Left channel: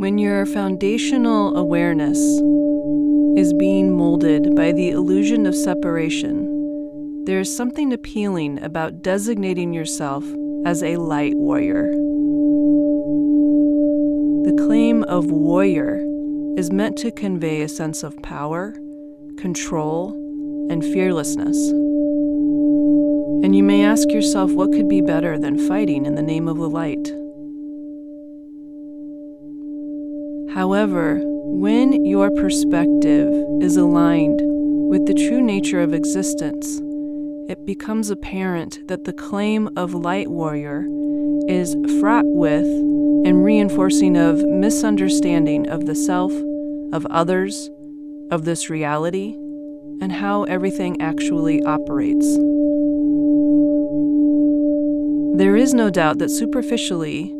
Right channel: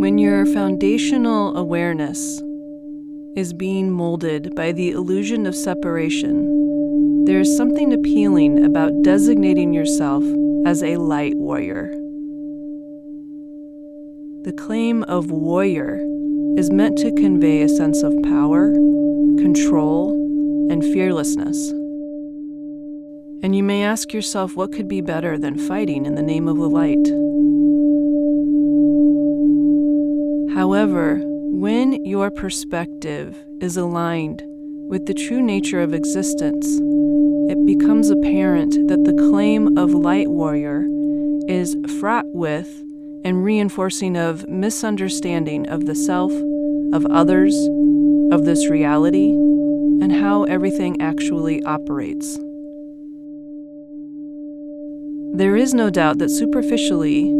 When your foundational awareness is being molded by the illusion of separation, there is something appealing about designating yourself as a light warrior. The claim of warrior is meant to convey a sense of power, control, and fearlessness. And you may ask yourself, what could be better than fighting in the name of the light? However, when your perspective is aligned with the true nature of existence, it becomes apparent that the claim of light warrior is fraught with and reinforcing of misunderstanding of the self, of others, of this reality, and how everything actually operates. There is no doubt that superficially,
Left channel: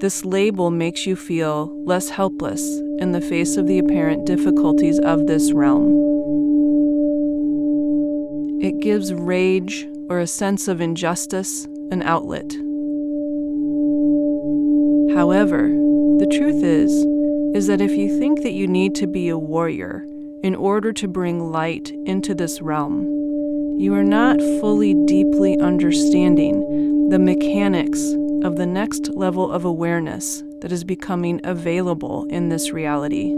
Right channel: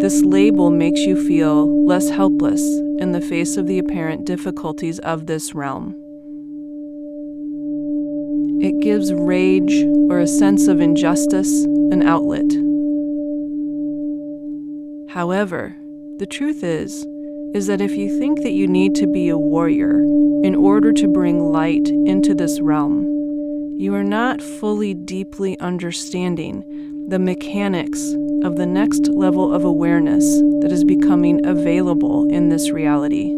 this label makes you feel less helpless in the face of the apparent difficulties of this realm. It gives rage or a sense of injustice an outlet. However, the truth is that if you think that you need to be a warrior in order to bring light into this realm, you are not fully deeply understanding the mechanics of the next level of awareness that is becoming available in this reality.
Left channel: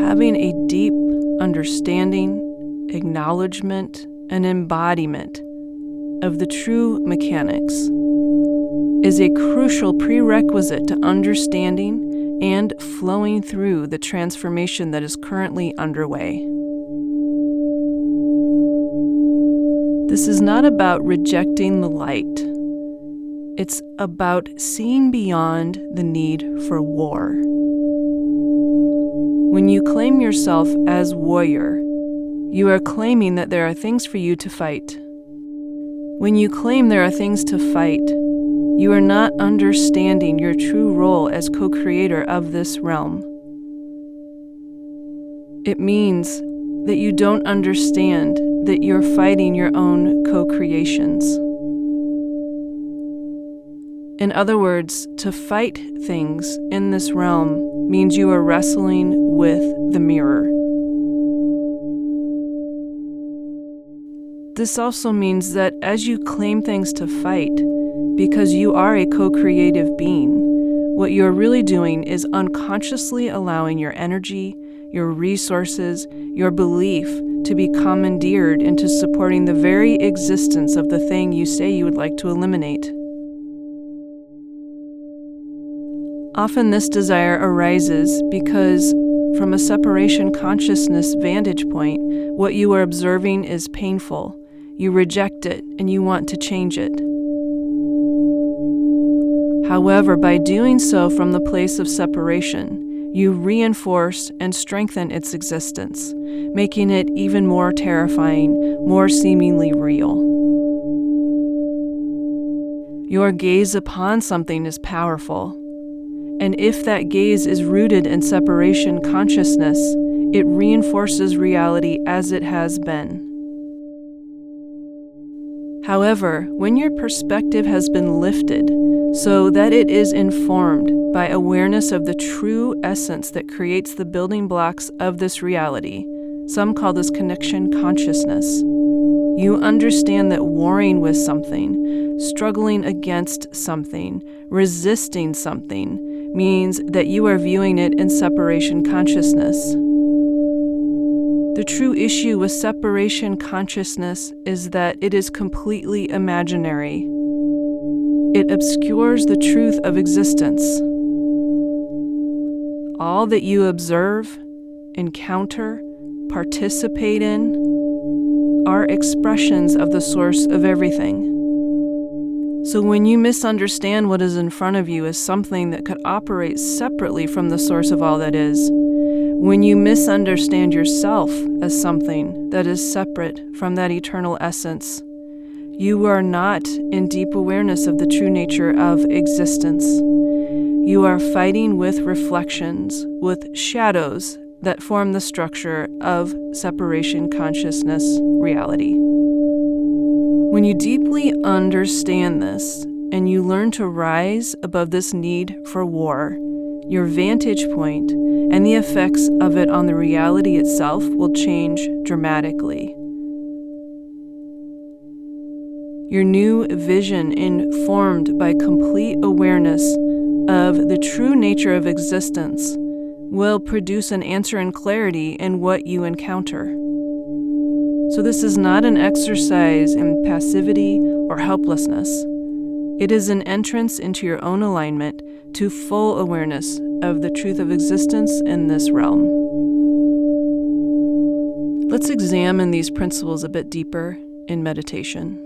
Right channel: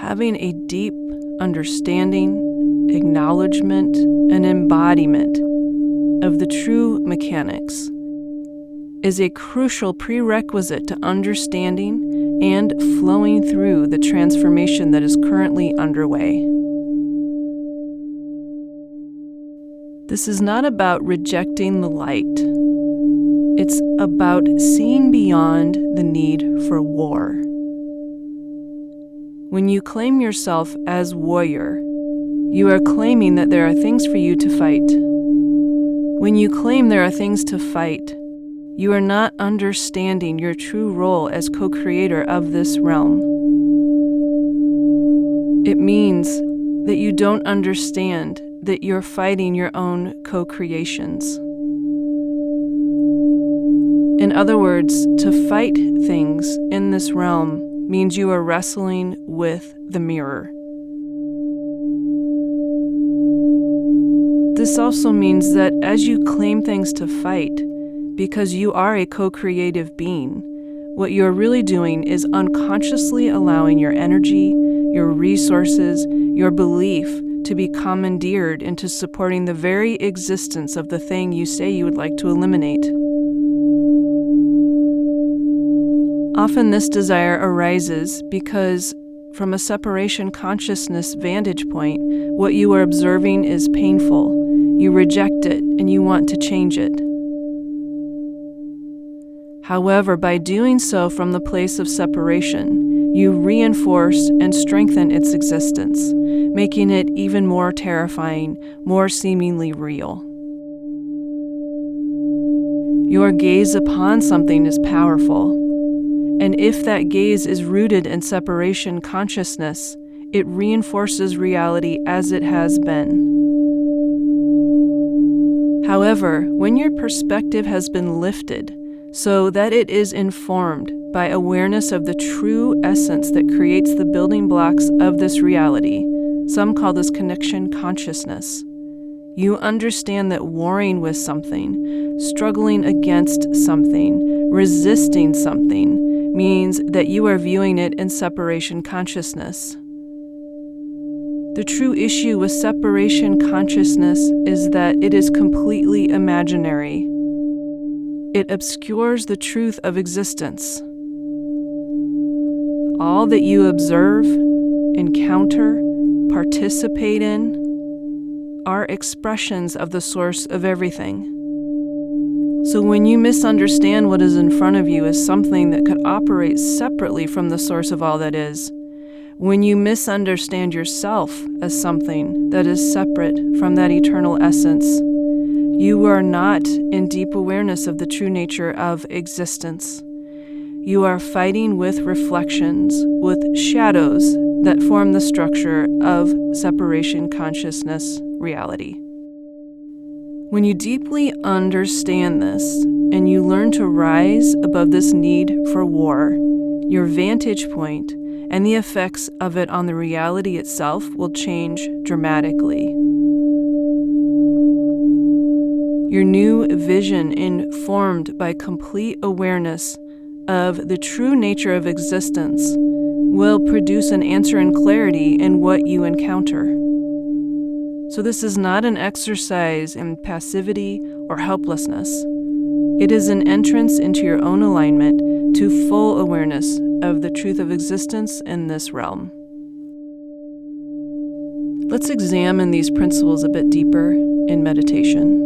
Having a deep understanding, acknowledgement, and embodiment of the true mechanics is a crucial prerequisite to understanding and flowing through the transformation that is currently underway. This is not about rejecting the light. It's about seeing beyond the need for war. When you claim yourself as warrior, you are claiming that there are things for you to fight. When you claim there are things to fight, you are not understanding your true role as co-creator of this realm. It means that you don't understand that you're fighting your own co-creations. In other words, to fight things in this realm means you are wrestling with the mirror. This also means that as you claim things to fight, because you are a co-creative being, what you're really doing is unconsciously allowing your energy, your resources, your belief to be commandeered into supporting the very existence of the thing you say you would like to eliminate. Often this desire arises because, from a separation consciousness vantage point, what you are observing is painful. You reject it and you want to change it. However, by doing so from the place of separation, you reinforce and strengthen its existence, making it even more terrifying, more seemingly real. Your gaze upon something is powerful, and if that gaze is rooted in separation consciousness, it reinforces reality as it has been. However, when your perspective has been lifted so that it is informed by awareness of the true essence that creates the building blocks of this reality, some call this connection consciousness, you understand that warring with something, struggling against something, resisting something, means that you are viewing it in separation consciousness. The true issue with separation consciousness is that it is completely imaginary. It obscures the truth of existence. All that you observe, encounter, participate in are expressions of the source of everything. So when you misunderstand what is in front of you as something that could operate separately from the source of all that is, when you misunderstand yourself as something that is separate from that eternal essence, you are not in deep awareness of the true nature of existence. You are fighting with reflections, with shadows that form the structure of separation consciousness reality. When you deeply understand this, and you learn to rise above this need for war, your vantage point and the effects of it on the reality itself will change dramatically. Your new vision, informed by complete awareness of the true nature of existence, will produce an answer in clarity in what you encounter. So this is not an exercise in passivity or helplessness. It is an entrance into your own alignment to full awareness of the truth of existence in this realm. Let's examine these principles a bit deeper in meditation.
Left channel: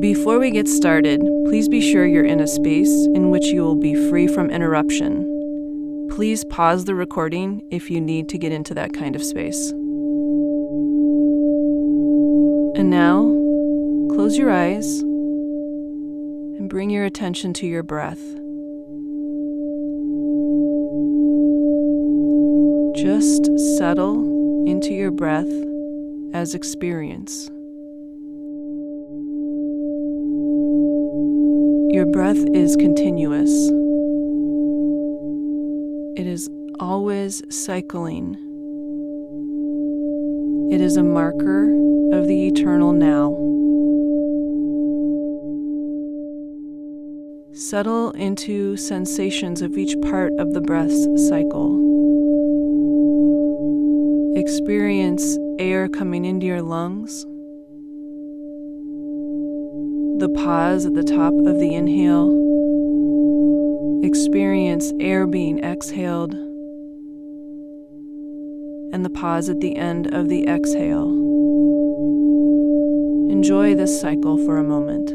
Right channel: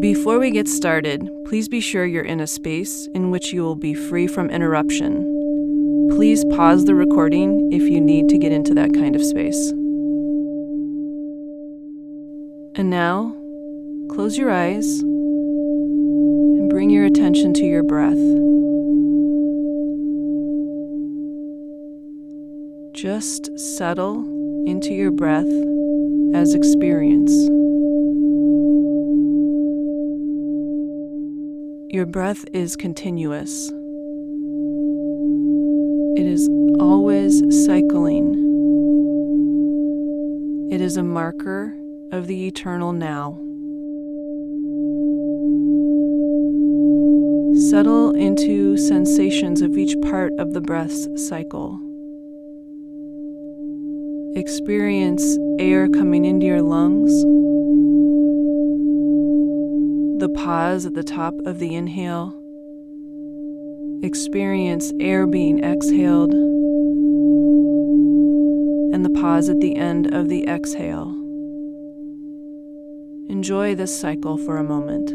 Before we get started, please be sure you're in a space in which you will be free from interruption. Please pause the recording if you need to get into that kind of space. And now, close your eyes and bring your attention to your breath. Just settle into your breath as experience. Your breath is continuous. It is always cycling. It is a marker of the eternal now. Settle into sensations of each part of the breath's cycle. Experience air coming into your lungs, the pause at the top of the inhale. Experience air being exhaled, and the pause at the end of the exhale. Enjoy this cycle for a moment.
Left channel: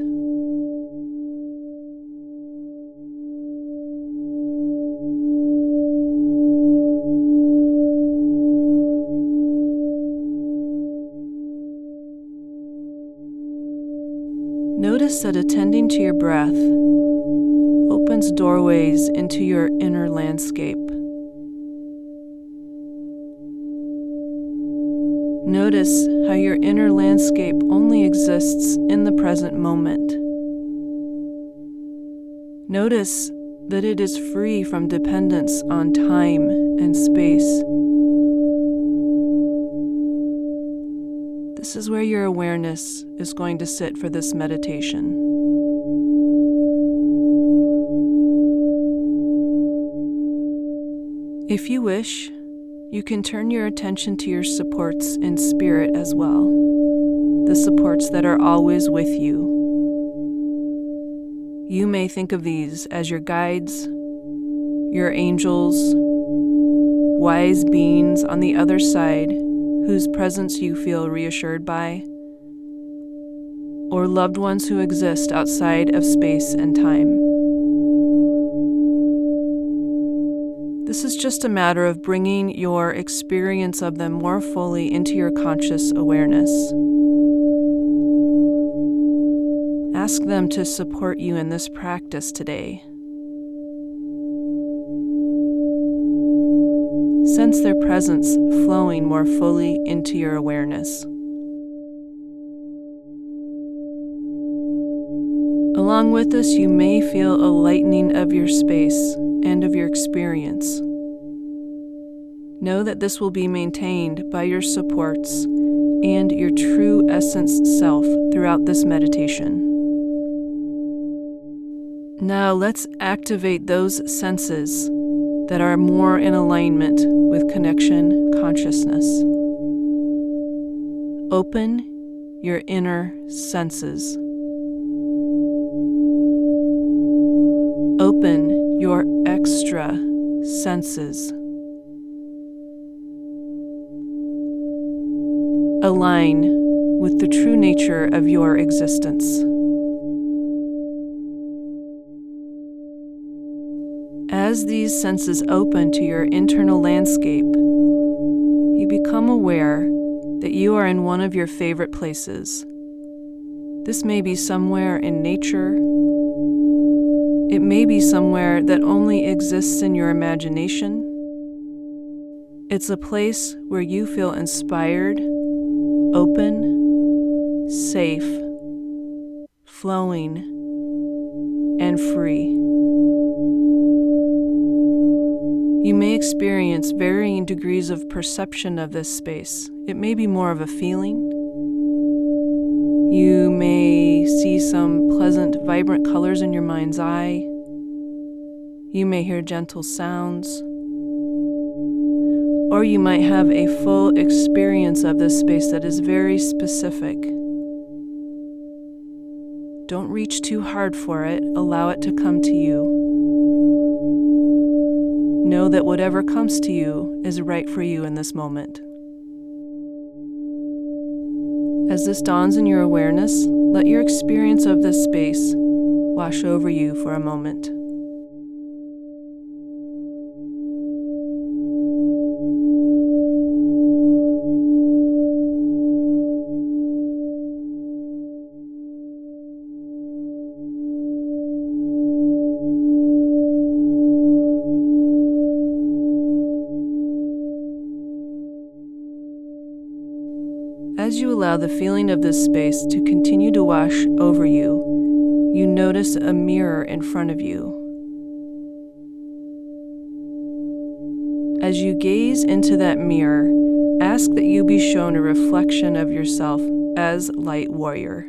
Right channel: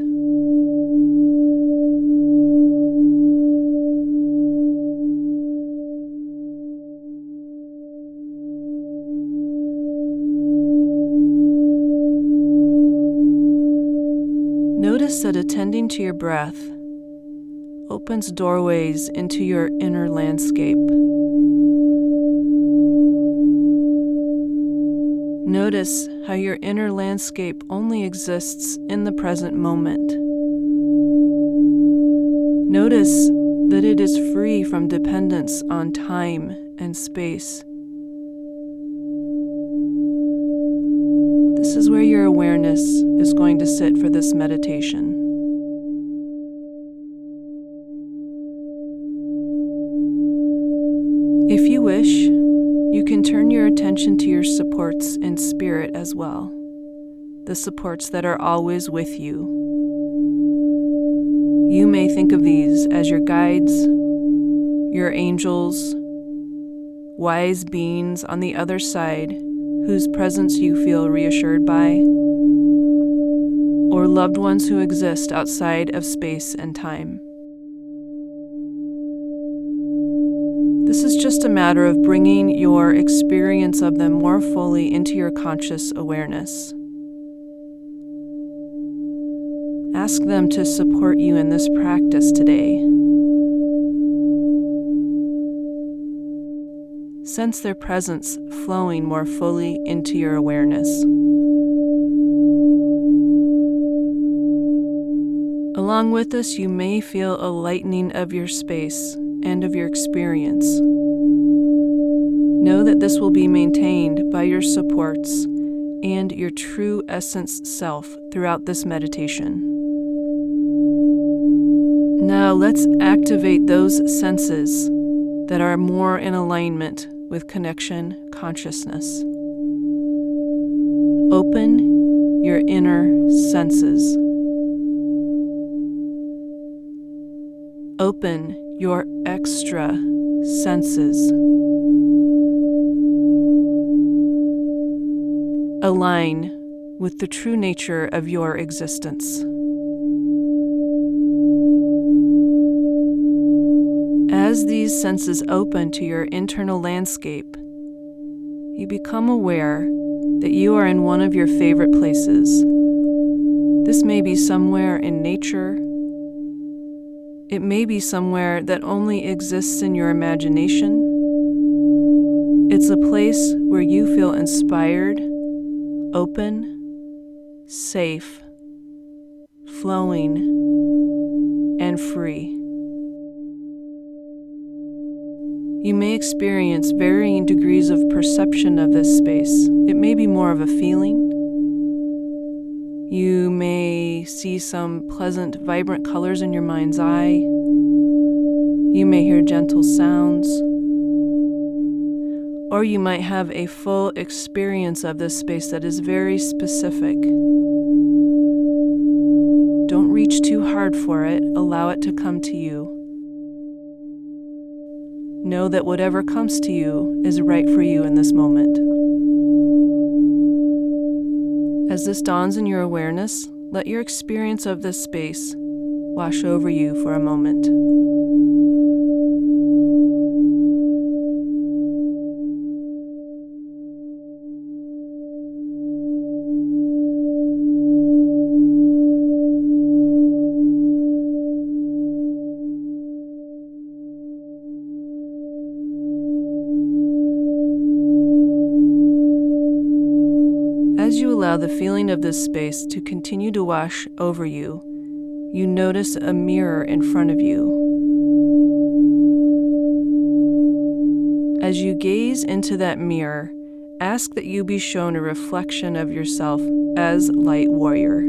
Notice that attending to your breath opens doorways into your inner landscape. Notice how your inner landscape only exists in the present moment. Notice that it is free from dependence on time and space. This is where your awareness is going to sit for this meditation. If you wish, you can turn your attention to your supports in spirit as well, the supports that are always with you. You may think of these as your guides, your angels, wise beings on the other side whose presence you feel reassured by, or loved ones who exist outside of space and time. This is just a matter of bringing your experience of them more fully into your conscious awareness. Ask them to support you in this practice today. Sense their presence flowing more fully into your awareness. Along with this, you may feel a lightening of your space and of your experience. Know that this will be maintained by your supports and your true essence self throughout this meditation. Now let's activate those senses that are more in alignment with connection consciousness. Open your inner senses. Open your extra senses. Align with the true nature of your existence. As these senses open to your internal landscape, you become aware that you are in one of your favorite places. This may be somewhere in nature. It may be somewhere that only exists in your imagination. It's a place where you feel inspired, open, safe, flowing, and free. You may experience varying degrees of perception of this space. It may be more of a feeling. You may see some pleasant, vibrant colors in your mind's eye. You may hear gentle sounds. Or you might have a full experience of this space that is very specific. Don't reach too hard for it. Allow it to come to you. Know that whatever comes to you is right for you in this moment. As this dawns in your awareness, let your experience of this space wash over you for a moment. As you allow the feeling of this space to continue to wash over you, you notice a mirror in front of you. As you gaze into that mirror, ask that you be shown a reflection of yourself as Light Warrior.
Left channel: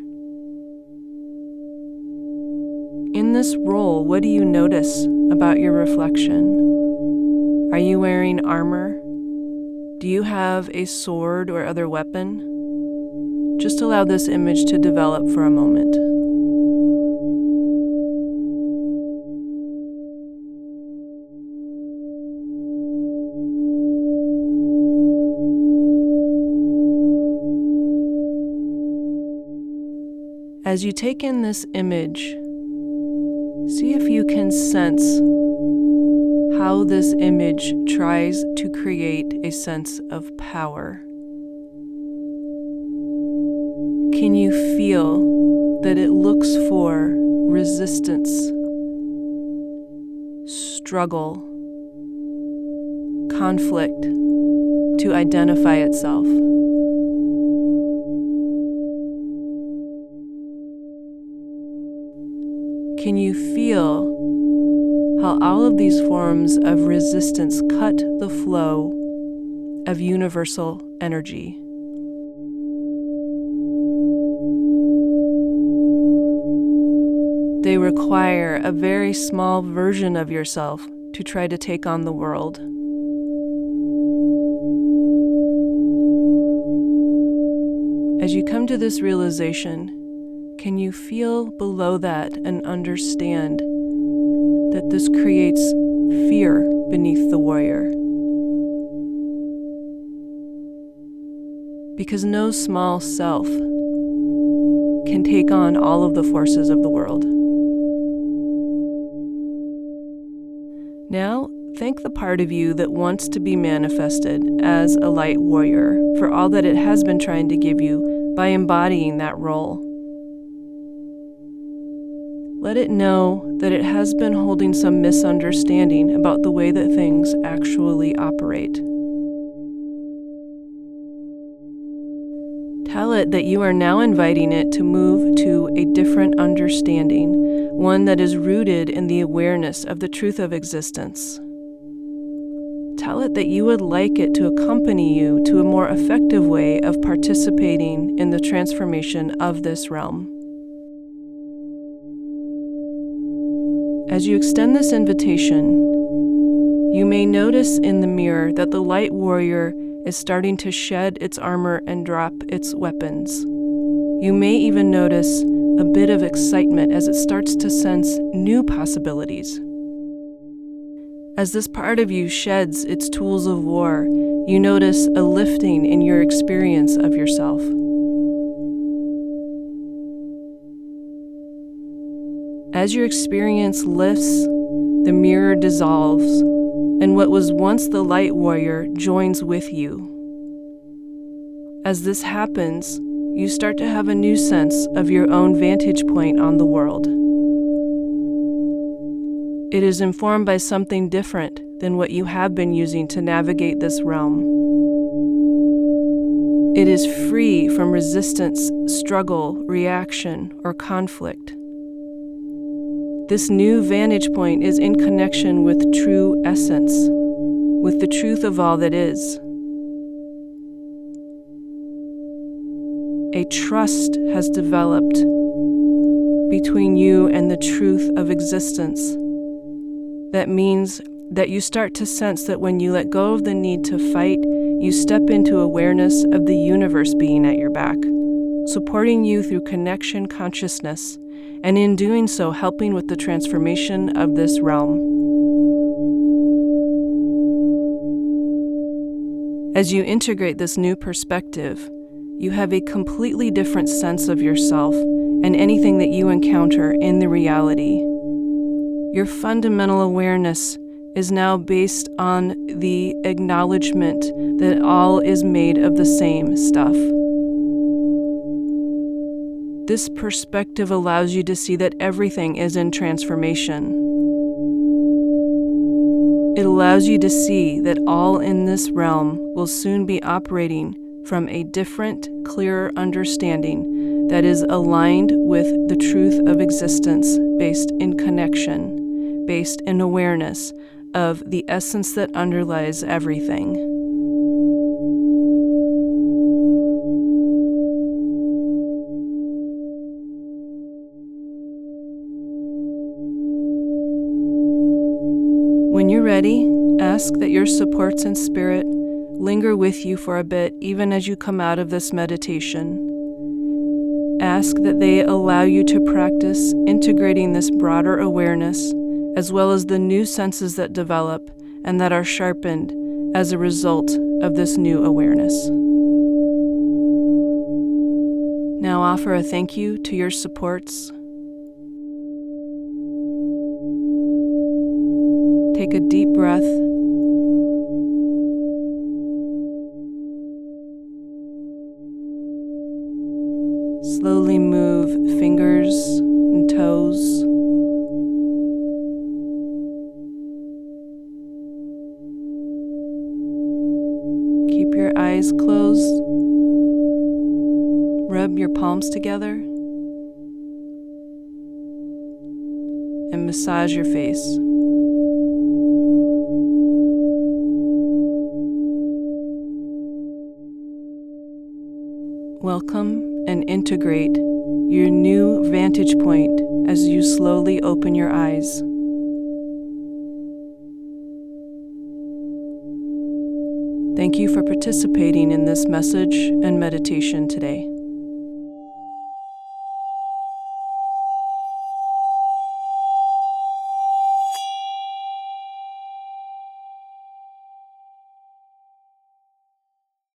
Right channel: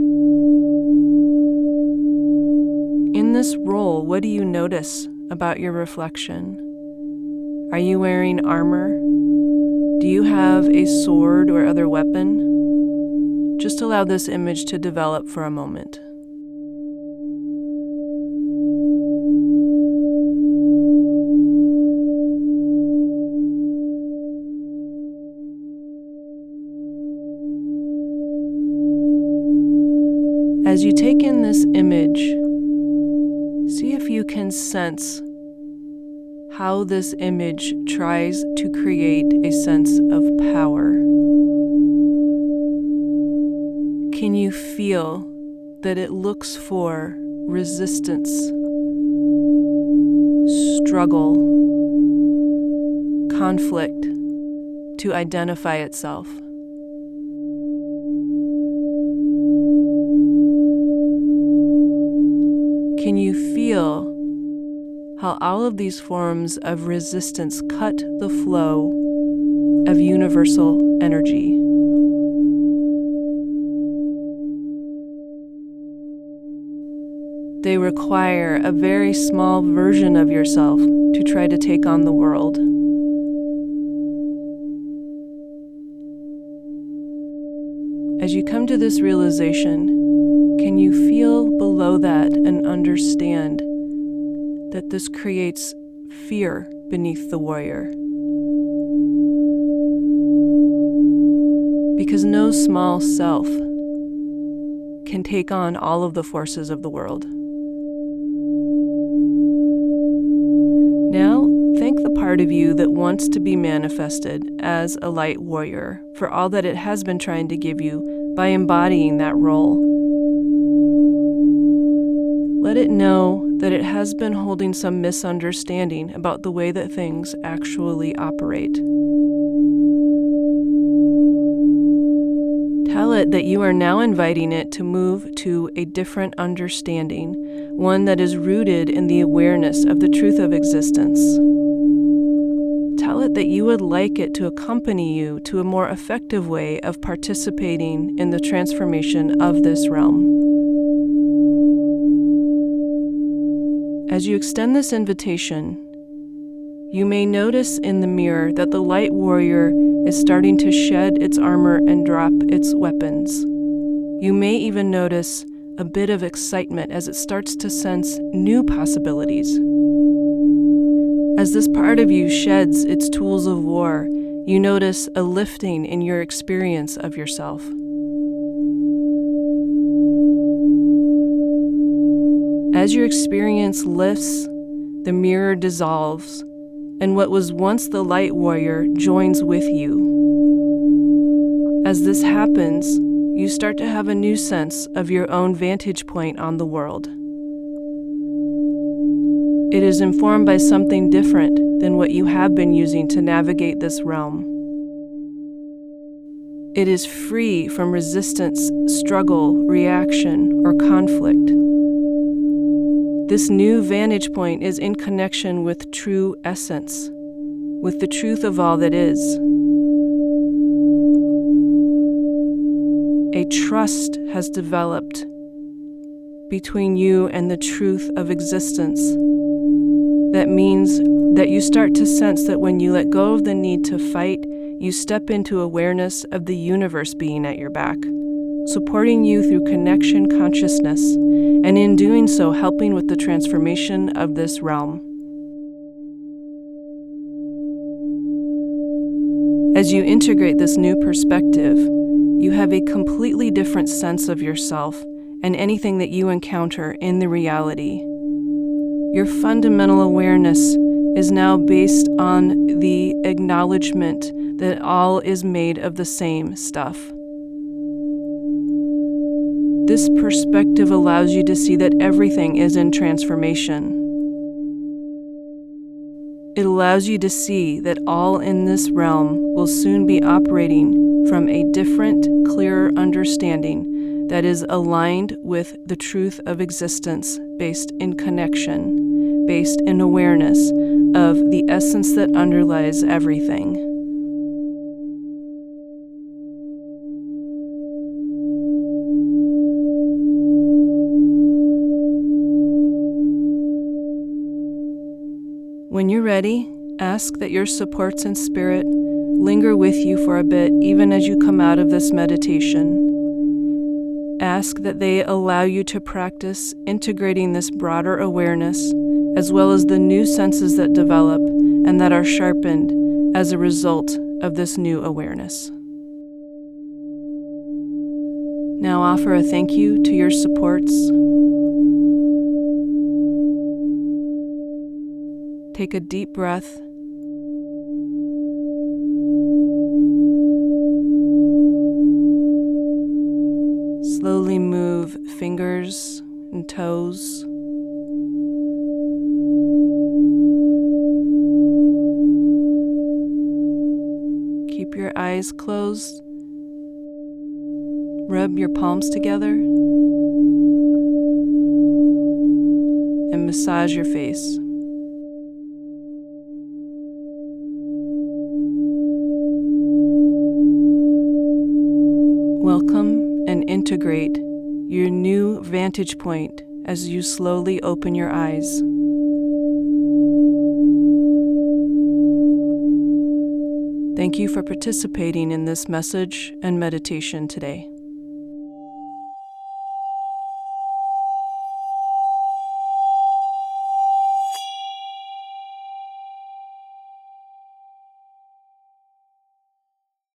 In this role, what do you notice about your reflection? Are you wearing armor? Do you have a sword or other weapon? Just allow this image to develop for a moment. As you take in this image, see if you can sense how this image tries to create a sense of power. Can you feel that it looks for resistance, struggle, conflict to identify itself? Can you feel how all of these forms of resistance cut the flow of universal energy? They require a very small version of yourself to try to take on the world. As you come to this realization, can you feel below that and understand that this creates fear beneath the warrior? Because no small self can take on all of the forces of the world. Now, thank the part of you that wants to be manifested as a light warrior for all that it has been trying to give you by embodying that role. Let it know that it has been holding some misunderstanding about the way that things actually operate. Tell it that you are now inviting it to move to a different understanding, one that is rooted in the awareness of the truth of existence. Tell it that you would like it to accompany you to a more effective way of participating in the transformation of this realm. As you extend this invitation, you may notice in the mirror that the light warrior is starting to shed its armor and drop its weapons. You may even notice a bit of excitement as it starts to sense new possibilities. As this part of you sheds its tools of war, you notice a lifting in your experience of yourself. As your experience lifts, the mirror dissolves, and what was once the light warrior joins with you. As this happens, you start to have a new sense of your own vantage point on the world. It is informed by something different than what you have been using to navigate this realm. It is free from resistance, struggle, reaction, or conflict. This new vantage point is in connection with true essence, with the truth of all that is. A trust has developed between you and the truth of existence. That means that you start to sense that when you let go of the need to fight, you step into awareness of the universe being at your back, supporting you through connection consciousness, and in doing so, helping with the transformation of this realm. As you integrate this new perspective, you have a completely different sense of yourself and anything that you encounter in the reality. Your fundamental awareness is now based on the acknowledgement that all is made of the same stuff. This perspective allows you to see that everything is in transformation. It allows you to see that all in this realm will soon be operating from a different, clearer understanding that is aligned with the truth of existence, based in connection, based in awareness of the essence that underlies everything. When you're ready, ask that your supports in spirit linger with you for a bit, even as you come out of this meditation. Ask that they allow you to practice integrating this broader awareness, as well as the new senses that develop and that are sharpened as a result of this new awareness. Now offer a thank you to your supports. Take a deep breath. Slowly move fingers and toes. Keep your eyes closed. Rub your palms together and massage your face. Welcome and integrate your new vantage point as you slowly open your eyes. Thank you for participating in this message and meditation today.